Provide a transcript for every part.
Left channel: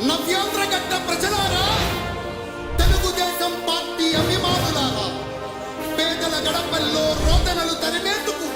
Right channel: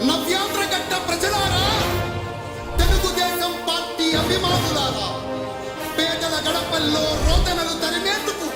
నవ్యాంధ్రగడ్డ ప్రజలారా తెలుగుదేశం పార్టీ అభిమానులారా పేదల గడపల్లో రోదనలు తరిమేందుకు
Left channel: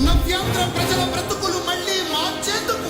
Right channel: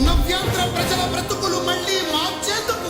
నవ్యాంధ్ర ప్రజల బ్రతుకులు మళ్ళీ మార్చేందుకు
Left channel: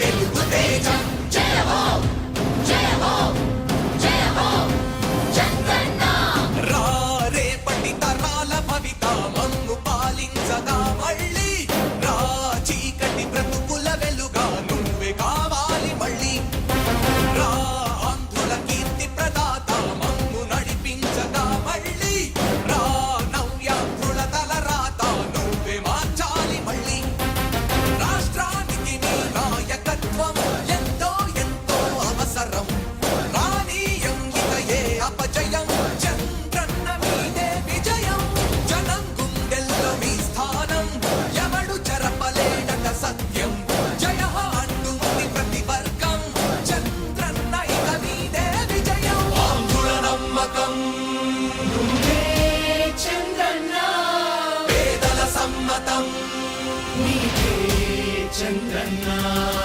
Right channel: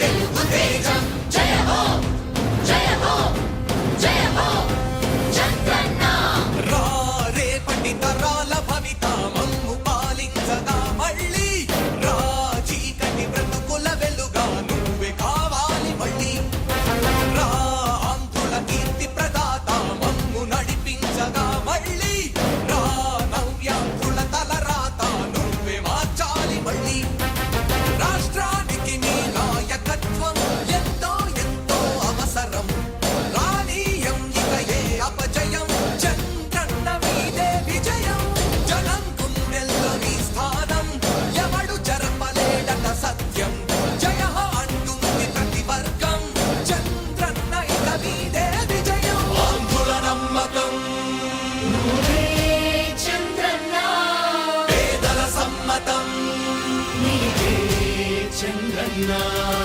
now.